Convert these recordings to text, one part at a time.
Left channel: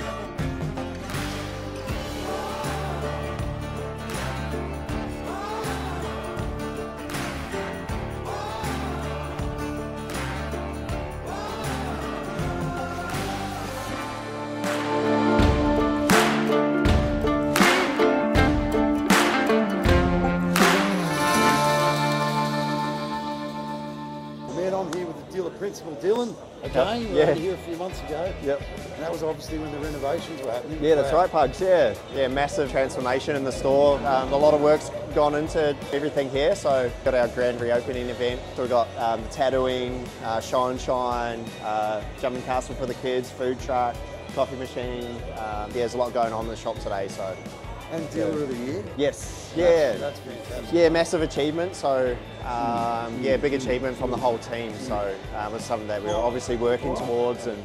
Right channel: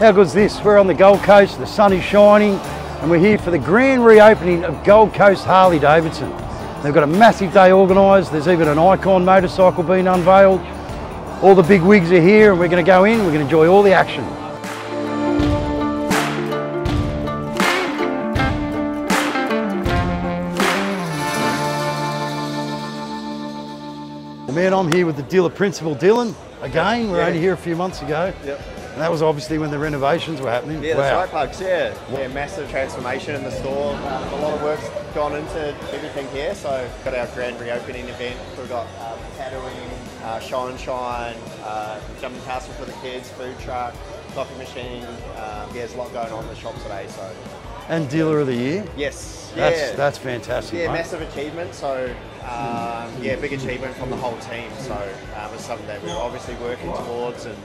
How good's this? We're on the Gold Coast, the sun is shining, and we're here for the grand reopening of Gold Coast Harley-Davidson. They've got a massive day organised. There's even an icon motorcycle being unveiled. All the big wigs are here, and we're going to go in, we're going to enjoy all the action. Man, I'm here with the dealer principal, Dylan. Again, we were only here a few months ago. Yep. And that was obviously when the renovations were happening. Yeah, that's right, Pugs, yeah. Yeah, massive transformation in the store. A lot of work's gone into everything here. So we've got our grand reopening event. We've got tattooing, show and shine, jumping castle for the kids, food truck, coffee machine. Yeah, there's a lot going on in the shop today. So. And Dealer of the Year? Yes. That's fantastic. Yeah, mate. massive achievement. So, yeah, big achievement from the whole team. So, it's something that we're obviously working towards, and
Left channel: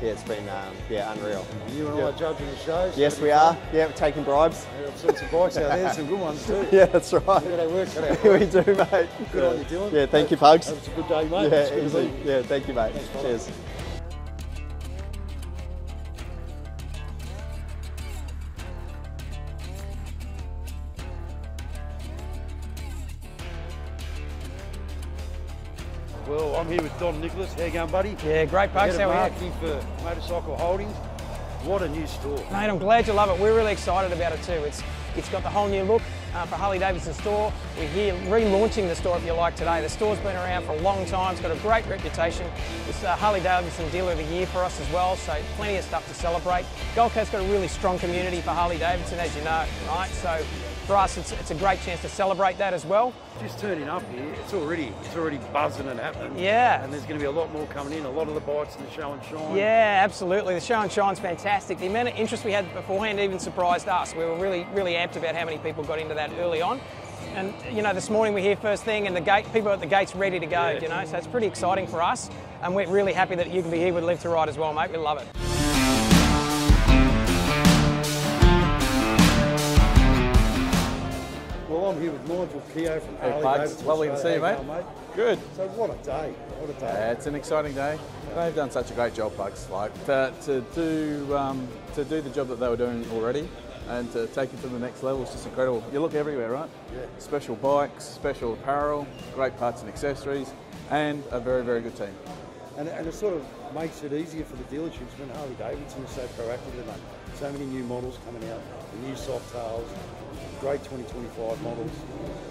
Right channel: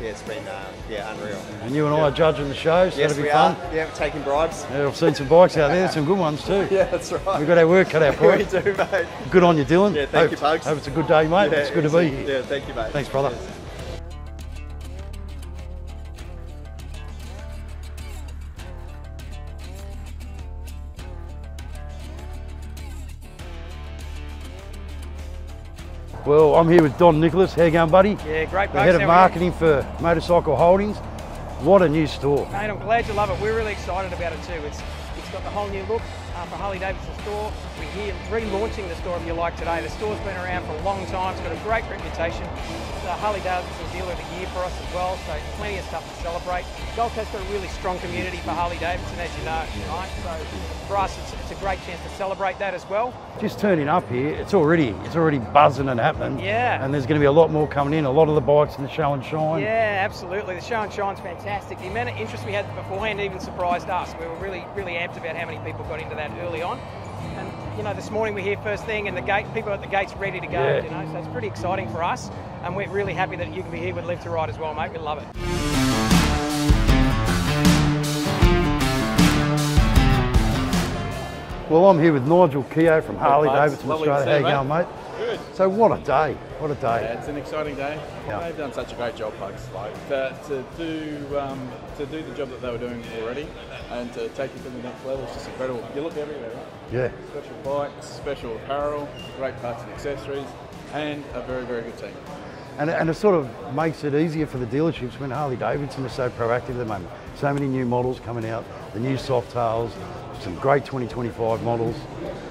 yeah, it's been unreal. And you and I are judging the show, so yes, it'll be fun. Yeah, taking bribes. Yeah, I've seen some bikes out there, some good ones too. Yeah, that's right. We've got our work cut out for We it. do, mate. Good on you, Dylan. Yeah, thank you, Pugs. Hope it's a good day, mate. Yeah, it's good to be here. Yeah, thank you, mate. Thanks, brother. Cheers. Well, I'm here with Don Nicholas. How you going, buddy? Yeah, great. The head of marketing for Motorcycle Holdings. What a new store. Mate, I'm glad you love it. We're really excited about it too. It's got a whole new look for Harley-Davidson store. We're here relaunching the store, if you like, today. The store's been around for a long time. It's got a great reputation. It's Harley-Davidson Dealer of the Year for us as well, so plenty of stuff to celebrate. Gold Coast's got a really strong community for Harley-Davidson, as you know, right? So for us, it's a great chance to celebrate that as well. Just turning up here, it's already buzzing and happening. Yeah. And there's going to be a lot more coming in. A lot of the bikes in the show and shine. Yeah, absolutely. The show and shine's fantastic. The amount of interest we had beforehand even surprised us. We were really amped about how many people got into that early on. And you know, this morning we're here first thing, and people at the gates ready to go. Yeah. You know, so it's pretty exciting for us, and we're really happy that you can be here with Live to Ride as well, mate. We love it. Well, I'm here with Nigel Keogh from Harley-Davidson Lovely to Australia. see How you, you going, mate? Good. So what a day. What a day. Yeah, it's an exciting day. Yeah. They've done such a great job, folks. Like to do the job that they were doing already, and to take it to the next level is just incredible. You look everywhere, right? Yeah. Special bikes, special apparel, great parts and accessories, and a very good team. And it sort of makes it easier for the dealerships when Harley-Davidson is so proactive at the moment. So many new models coming out, the new soft tails, some great 2025 models.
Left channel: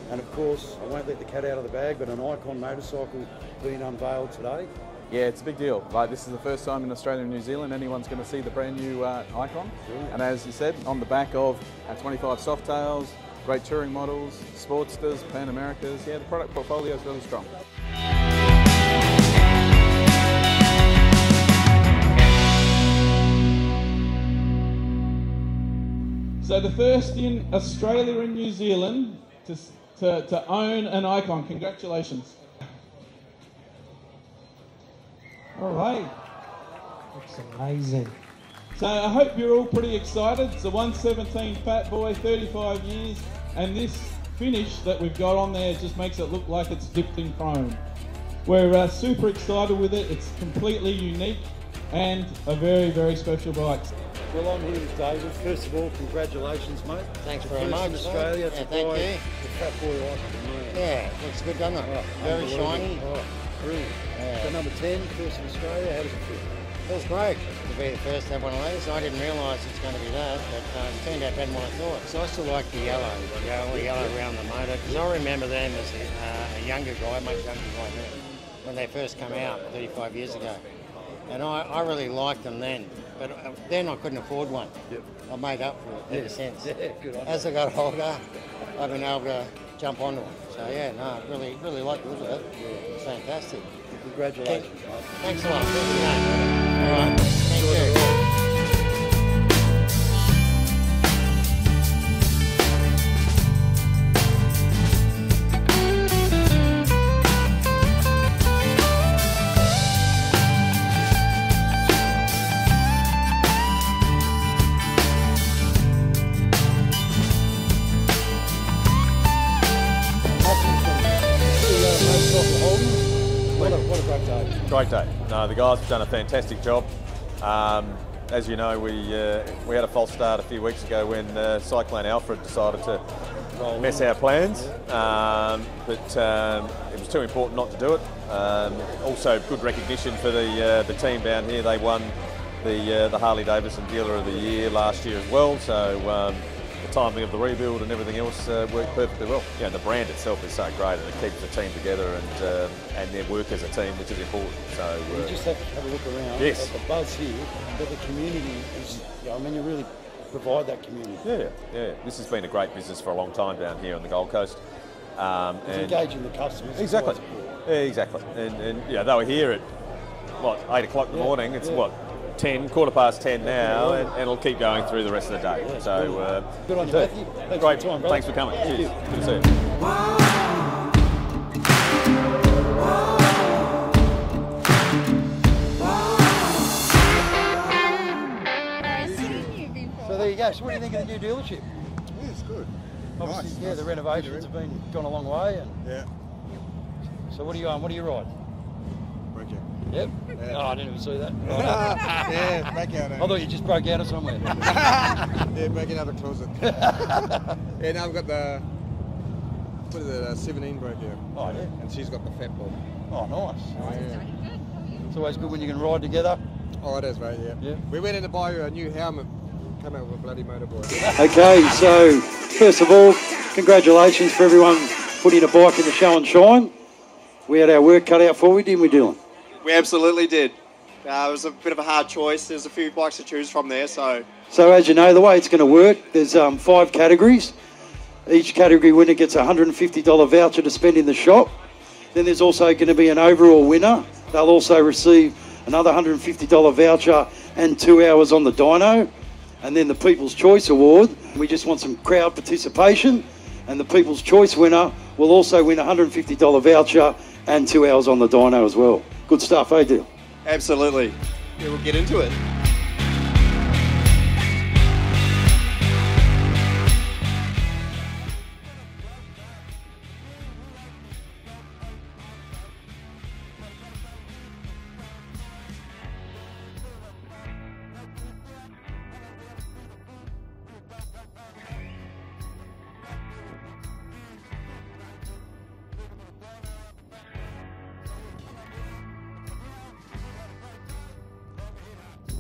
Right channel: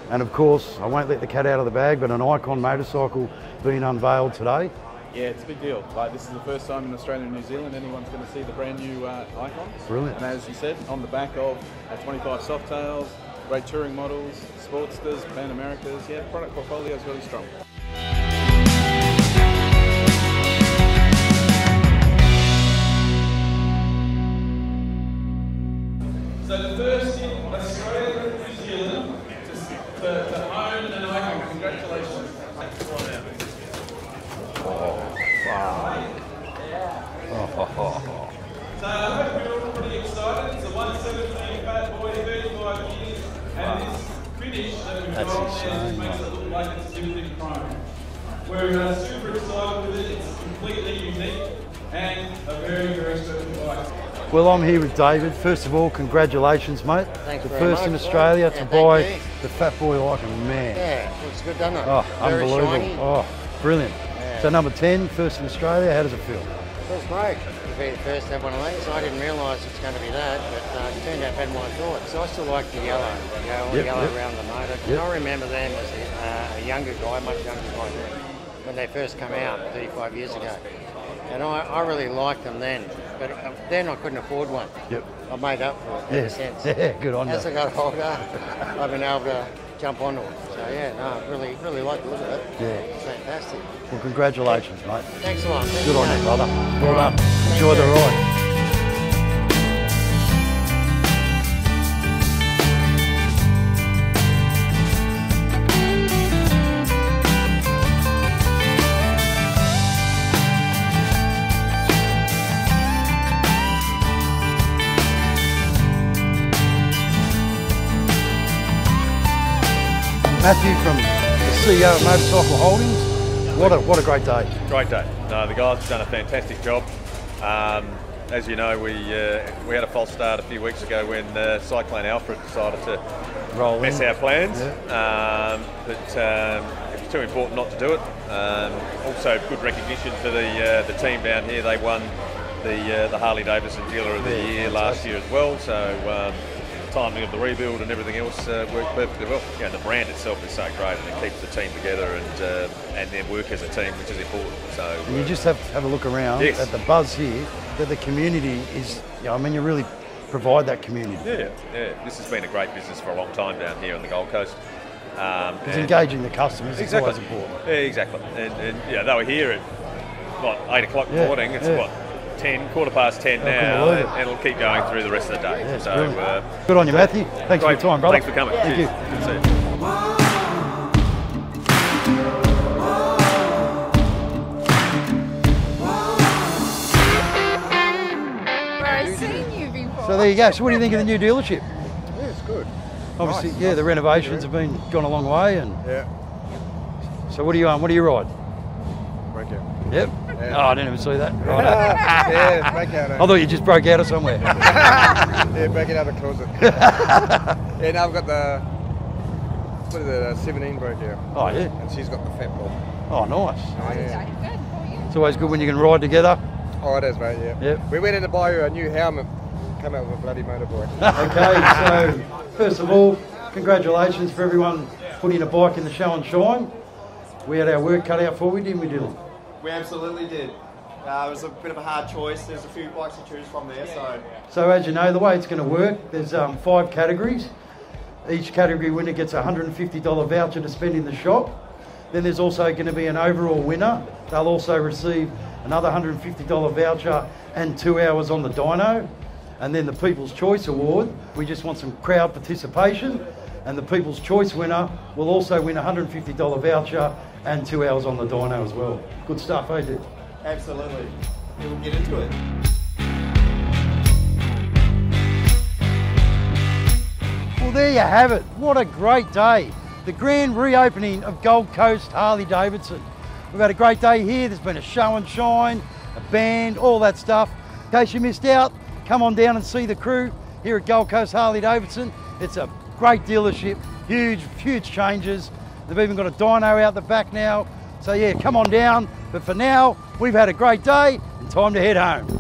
And of course, I won't let the cat out of the bag, but an icon motorcycle being unveiled today. Yeah, it's a big deal. Like, this is the first time in Australia and New Zealand anyone's going to see the brand new icon. Brilliant. And as you said, on the back of 25 soft tails, great touring models, Sportsters, Pan Americas. Yeah, the product portfolio is really strong. So the first in Australia and New Zealand to own an icon. Congratulations. So I hope you're all pretty excited. It's the 117 Fat Boy, 35 years, and this finish that we've got on there just makes it look like it's dipped in chrome. We're super excited with it. It's completely unique and a very special bike. Well, I'm here with David. First of all, congratulations, mate. Thanks the very first much. in Australia to Yeah, buy thank you. the Fat Boy icon, man. Yeah, looks good, doesn't it? Oh, Very unbelievable. shiny. Oh, brilliant. Yeah. So number 10, first in Australia, how does it feel? Feels great to be the first to have one of these. I didn't realise it's going to be that, but it turned out better than what I thought. So I still like the yellow, yellow around the motor. Yep. I remember them as a younger guy, much younger guy then, when they first came out 35 years ago. And I really liked them then, but then I couldn't afford one. Yep. I made up for it ever since. Yeah, good on you. As I got older, I've been able to jump onto it. So yeah, no, really like the look of it. Yeah. It's fantastic. Well, congratulations, mate. Thanks a lot. Good on you, brother. Well done. Enjoy the ride. Matthew from the CEO of Motorcycle Holdings. What a great day. Great day. No, the guys have done a fantastic job. as you know, we had a false start a few weeks ago when Cyclone Alfred decided to mess our plans. Yeah. But it was too important not to do it. Also, good recognition for the team down here. They won the Harley-Davidson Dealer of the Year last year as well. So the timing of the rebuild and everything else worked perfectly well. You know, the brand itself is so great, and it keeps the team together and their work as a team, which is important. So you just have to have a look around at the buzz here. That the community is, I mean, you really provide that community. Yeah. This has been a great business for a long time down here on the Gold Coast. It's engaging the customers. Exactly. It's always important. Exactly. And yeah, they were here at 8 o'clock in the morning. It's 10, quarter past 10 now, and it'll keep going through the rest of the day. Yeah, so good on you, Matthew. Thanks for your time, brother. Thanks for coming. Thank you. Good to see you. So there you go. So what do you think of the new dealership? Yeah, it's good. Obviously, nice. The renovations have gone a long way, and So what do you ride? Thank you. Yep. Yeah. Oh, I didn't even see that. Right. Yeah, it's back out. I thought you just broke out of somewhere. Yeah, back out of the closet. Yeah, now I've got the 17 broke out. Oh yeah. And she's got the fat ball. Oh, nice. Yeah. It's always good when you can ride together. Oh, it is, mate. Yeah. Yep. We went in to buy a new helmet. Come out with a bloody motorboy. Okay, so first of all, congratulations for everyone putting a bike in the show and shine. We had our work cut out for you, didn't we, Dylan? We absolutely did. It was a bit of a hard choice. There's a few bikes to choose from there, so... So as you know, the way it's going to work, there's 5 categories. Each category winner gets a $150 voucher to spend in the shop. Then there's also going to be an overall winner. They'll also receive another $150 voucher and 2 hours on the dyno. And then the People's Choice Award, we just want some crowd participation. And the People's Choice winner will also win a $150 voucher and 2 hours on the dyno as well. Good stuff, eh, Dill? Absolutely. We'll get into it. Well, there you have it. What a great day. The grand reopening of Gold Coast Harley-Davidson. We've had a great day here. There's been a show and shine, a band, all that stuff. In case you missed out, come on down and see the crew here at Gold Coast Harley-Davidson. It's a great dealership, huge changes. They've even got a dyno out the back now. So yeah, come on down. But for now, we've had a great day and time to head home.